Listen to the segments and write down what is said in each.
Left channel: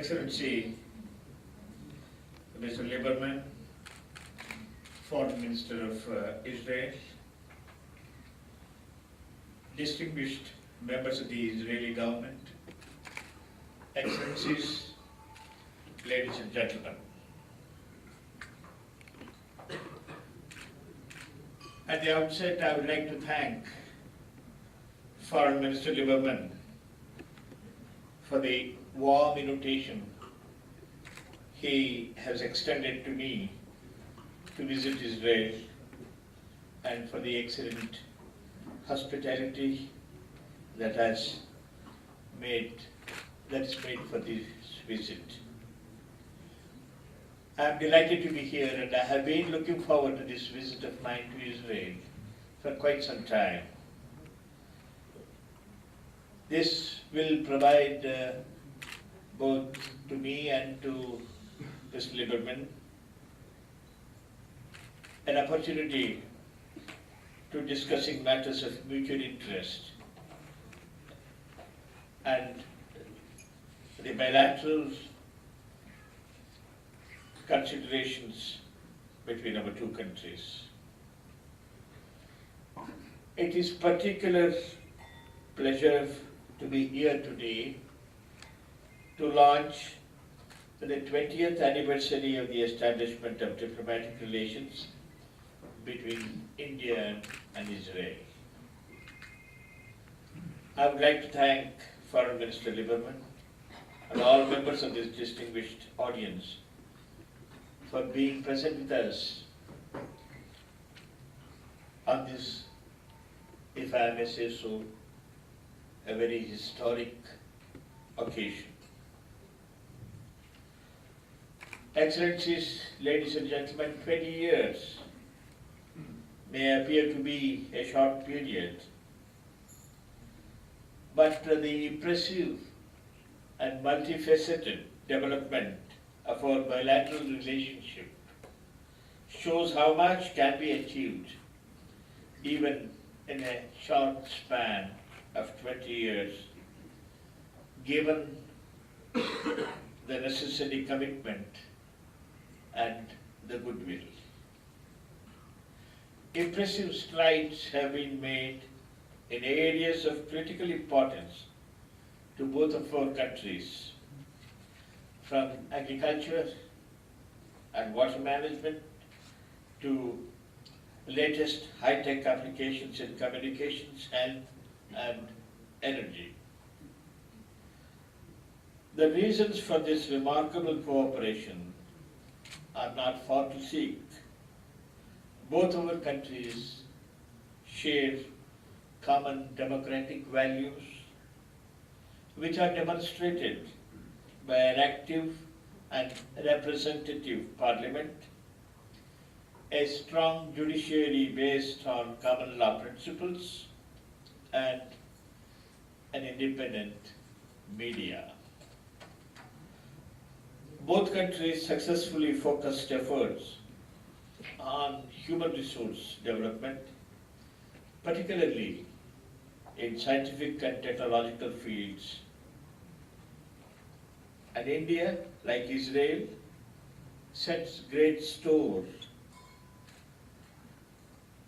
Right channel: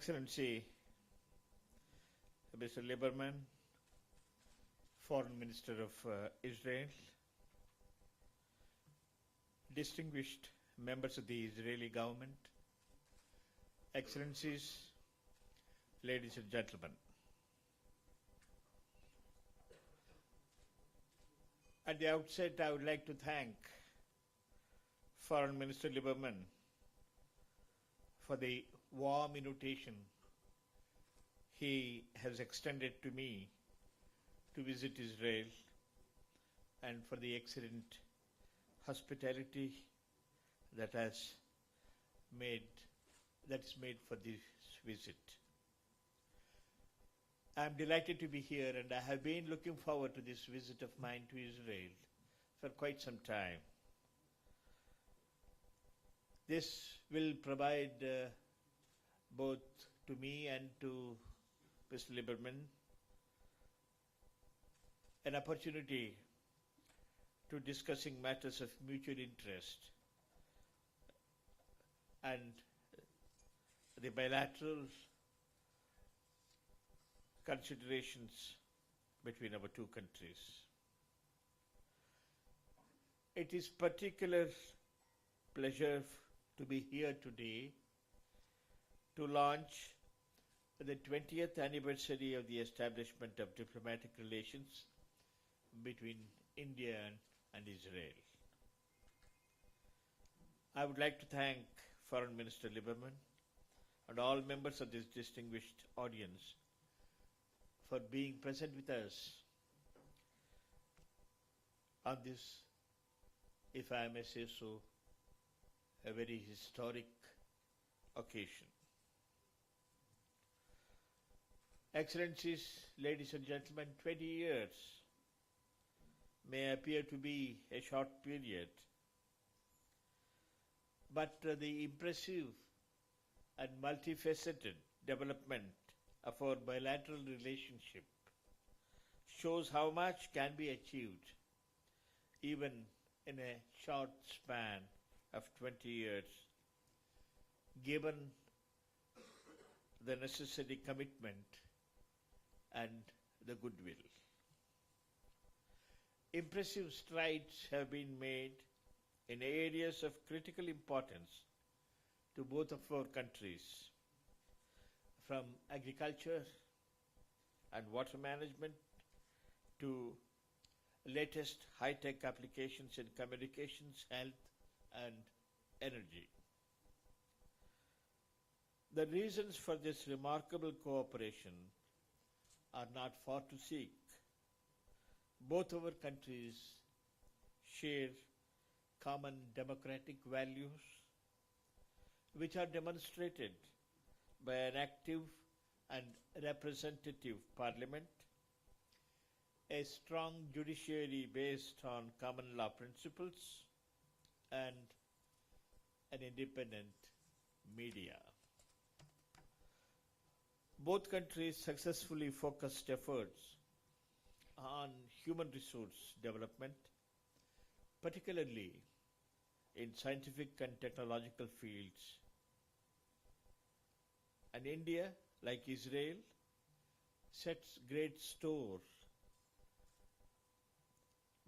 Excellency, Mr. Lieberman, Foreign Minister of Israel, distinguished members of the Israeli government, Excellencies, ladies and gentlemen. At the outset, I would like to thank Foreign Minister Lieberman for the warm invitation he has extended to me to visit Israel and for the excellent hospitality that is made for this visit. I am delighted to be here, and I have been looking forward to this visit of mine to Israel for quite some time. This will provide both to me and to Mr. Lieberman an opportunity to discussing matters of mutual interest and the bilateral considerations between our two countries. It is particular pleasure to be here today to launch the 20th anniversary of the establishment of diplomatic relations between India and Israel. I would like to thank Foreign Minister Lieberman and all members of this distinguished audience for being present with us on this, if I may say so, a very historic occasion. Excellencies, ladies and gentlemen, 20 years may appear to be a short period, but the impressive and multifaceted development of our bilateral relationship shows how much can be achieved even in a short span of 20 years, given the necessary commitment and the goodwill. Impressive strides have been made in areas of critical importance to both of our countries, from agriculture and water management to latest high-tech applications in communications, health, and energy. The reasons for this remarkable cooperation are not far to seek. Both our countries share common democratic values, which are demonstrated by an active and representative parliament, a strong judiciary based on common law principles, and an independent media. Both countries successfully focused efforts on human resource development, particularly in scientific and technological fields. And India, like Israel, sets great store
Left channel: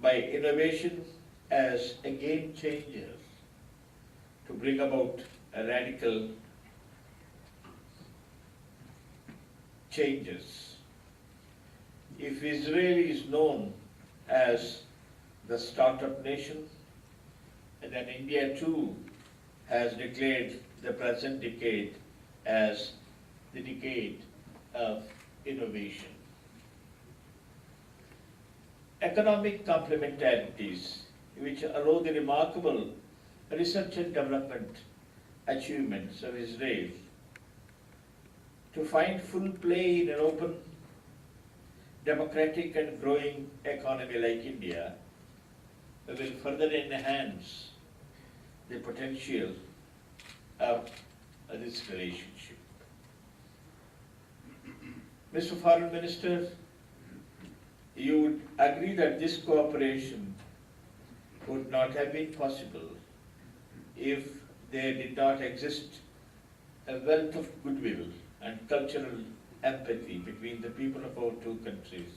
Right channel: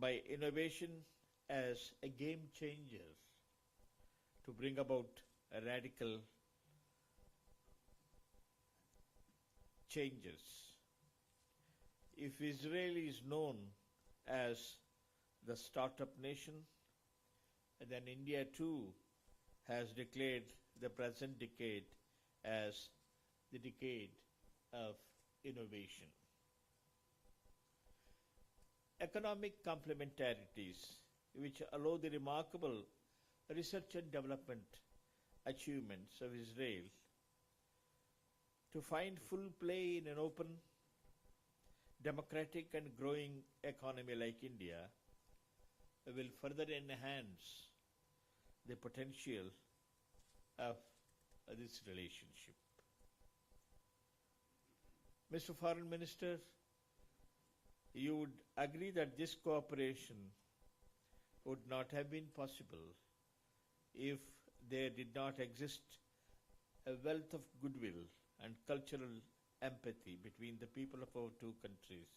by innovation as a game changer to bring about a radical changes. If Israel is known as the startup nation, then India too has declared the present decade as the decade of innovation. Economic complementarities, which arose the remarkable research and development achievements of Israel, to find full play in an open, democratic and growing economy like India, will further enhance the potential of this relationship. Mr. Foreign Minister, you would agree that this cooperation would not have been possible if there did not exist a wealth of goodwill and cultural empathy between the people of our two countries,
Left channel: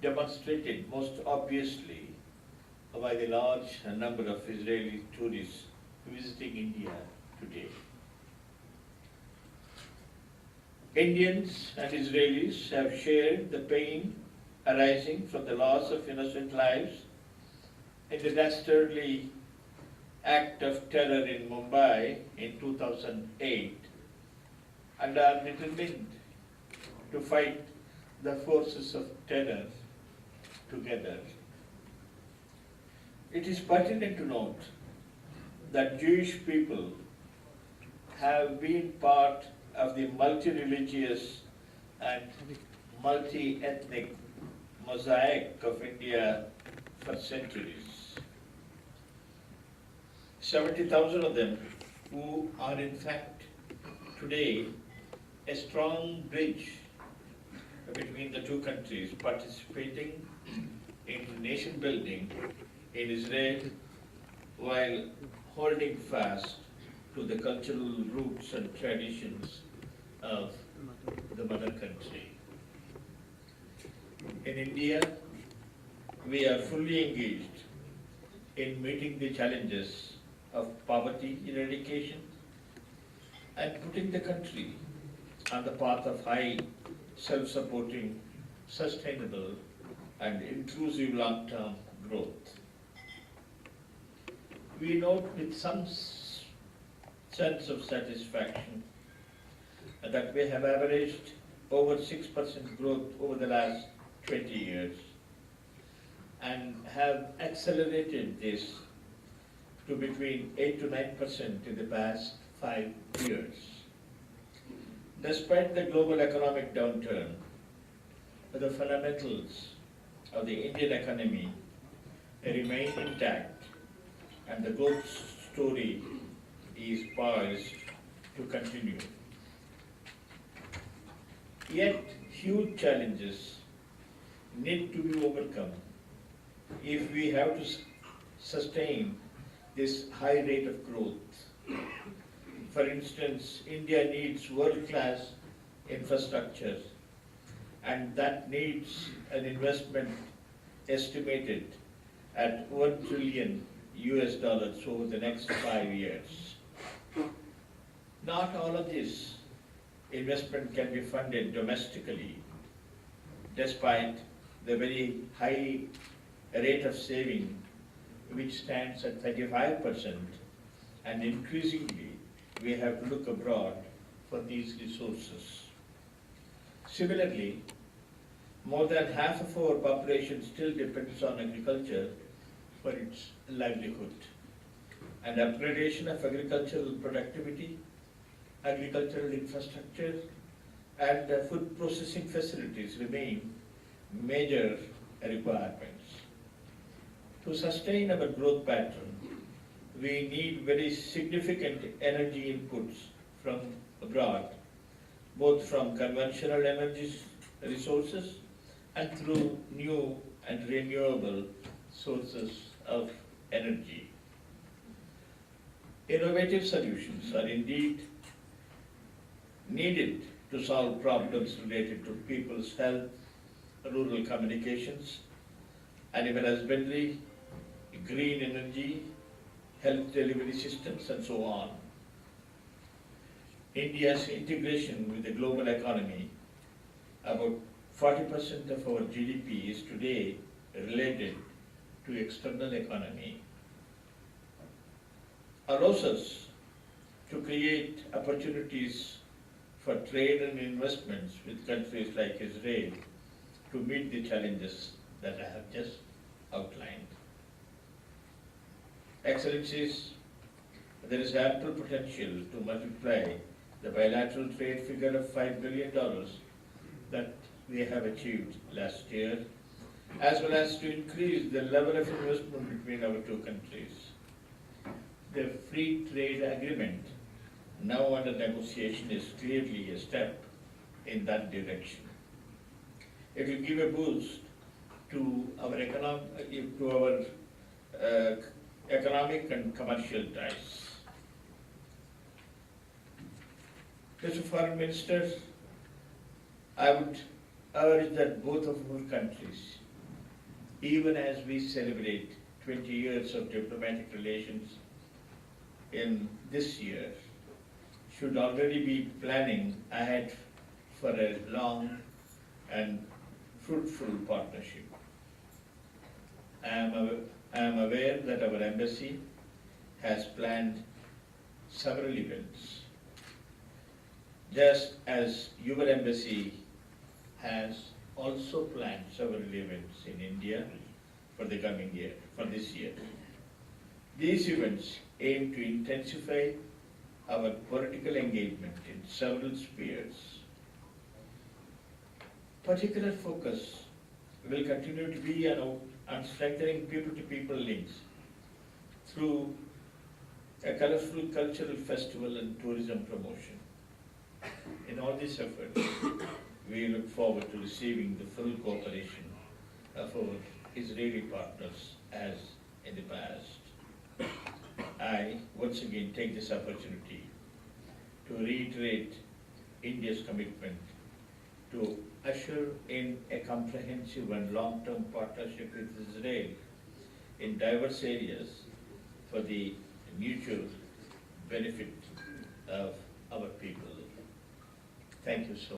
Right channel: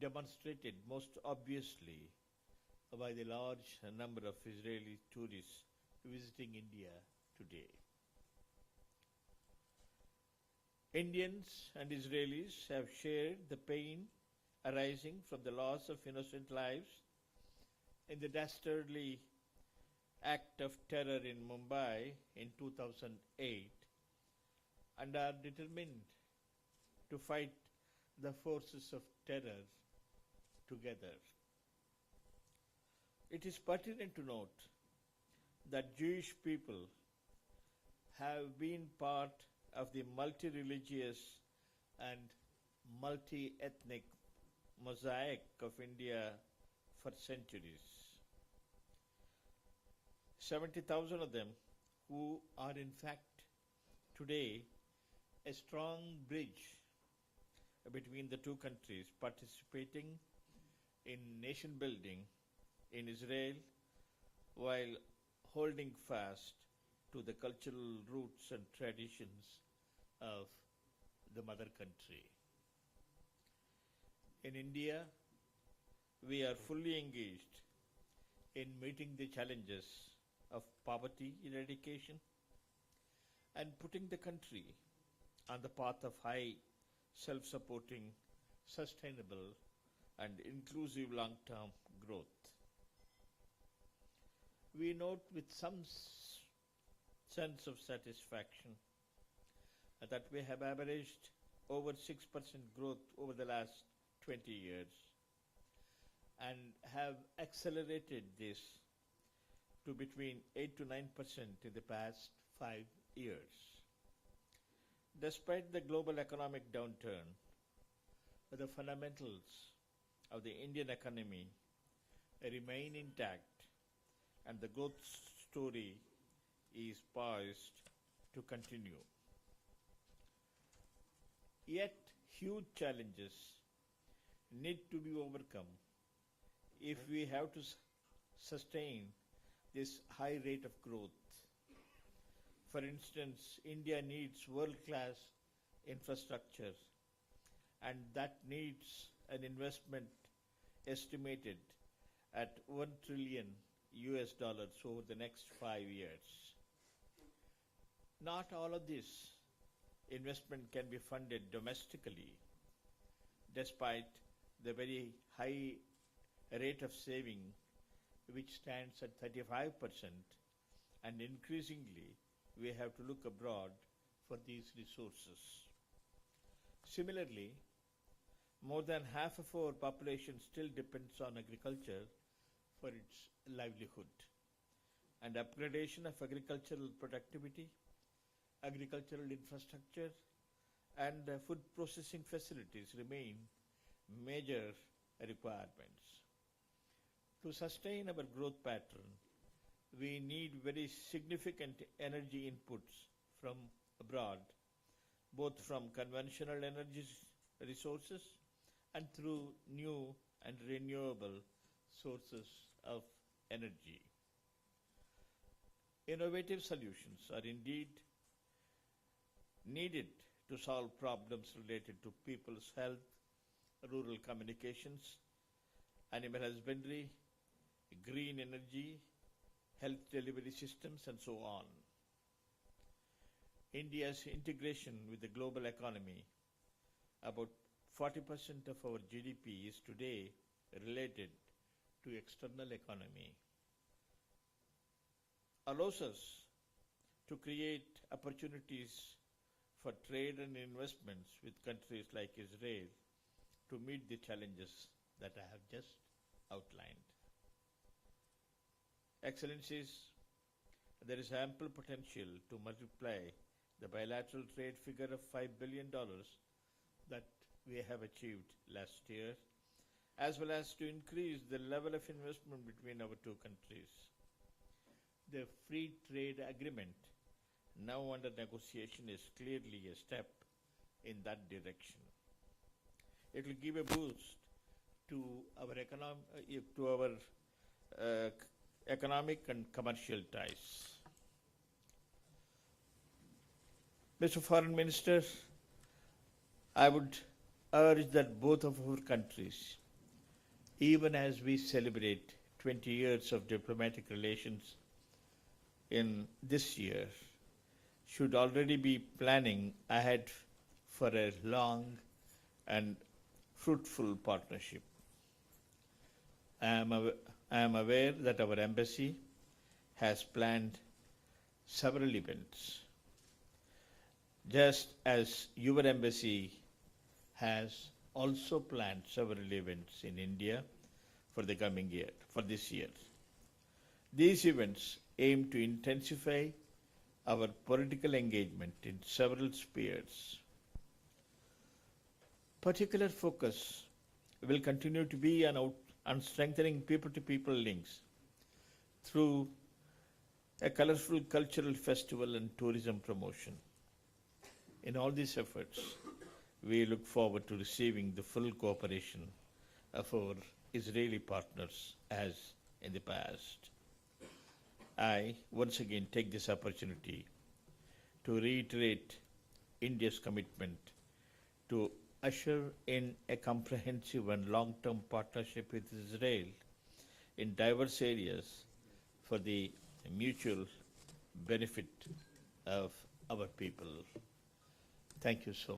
demonstrated most obviously by the large number of Israeli tourists visiting India today. Indians and Israelis have shared the pain arising from the loss of innocent lives in the dastardly act of terror in Mumbai in 2008 and are determined to fight the forces of terror together. It is pertinent to note that Jewish people have been part of the multi-religious and multi-ethnic mosaic of India for centuries. 70,000 of them who are in fact today a strong bridge between the two countries, participating in nation building in Israel while holding fast to the cultural roots and traditions of the mother country. In India, we are fully engaged in meeting the challenges of poverty eradication and putting the country on the path of high, self-supporting, sustainable, and inclusive long-term growth. We note with some sense of satisfaction that we have averaged over 6% growth over the last 20 years and have accelerated this to between 8 to 9% in the past 5 years. Despite the global economic downturn, the fundamentals of the Indian economy remain intact and the growth story is poised to continue. Yet, huge challenges need to be overcome if we have to sustain this high rate of growth. For instance, India needs world-class infrastructure, and that needs an investment estimated at $1 trillion over the next 5 years. Not all of this investment can be funded domestically, despite the very high rate of saving, which stands at 35%, and increasingly we have to look abroad for these resources. Similarly, more than half of our population still depends on agriculture for its livelihood, and upgradation of agricultural productivity, agricultural infrastructure, and food processing facilities remain major requirements. To sustain our growth pattern, we need very significant energy inputs from abroad, both from conventional energy resources and through new and renewable sources of energy. Innovative solutions are indeed needed to solve problems related to people's health, rural communications, animal husbandry, green energy, health delivery systems, and so on. India's integration with the global economy, about 40% of our GDP is today related to external economy, allows us to create opportunities for trade and investments with countries like Israel to meet the challenges that I have just outlined. Excellencies, there is ample potential to multiply the bilateral trade figure of $5 billion that we have achieved last year, as well as to increase the level of investment between our two countries. The free trade agreement now under negotiation is clearly a step in that direction. It will give a boost to our economic and commercial ties. Mr. Foreign Minister, I would urge that both of our countries, even as we celebrate 20 years of diplomatic relations in this year, should already be planning ahead for a long and fruitful partnership. I am aware that our embassy has planned several events, just as your embassy has also planned several events in India for the coming year, for this year. These events aim to intensify our political engagement in several spheres. Particular focus will continue to be on strengthening people-to-people links through a colorful cultural festival and tourism promotion. In all these efforts, we look forward to receiving the full cooperation of our Israeli partners as in the past. I once again take this opportunity to reiterate India's commitment to usher in a comprehensive and long-term partnership with Israel in diverse areas for the mutual benefit of our people. Thank you so much.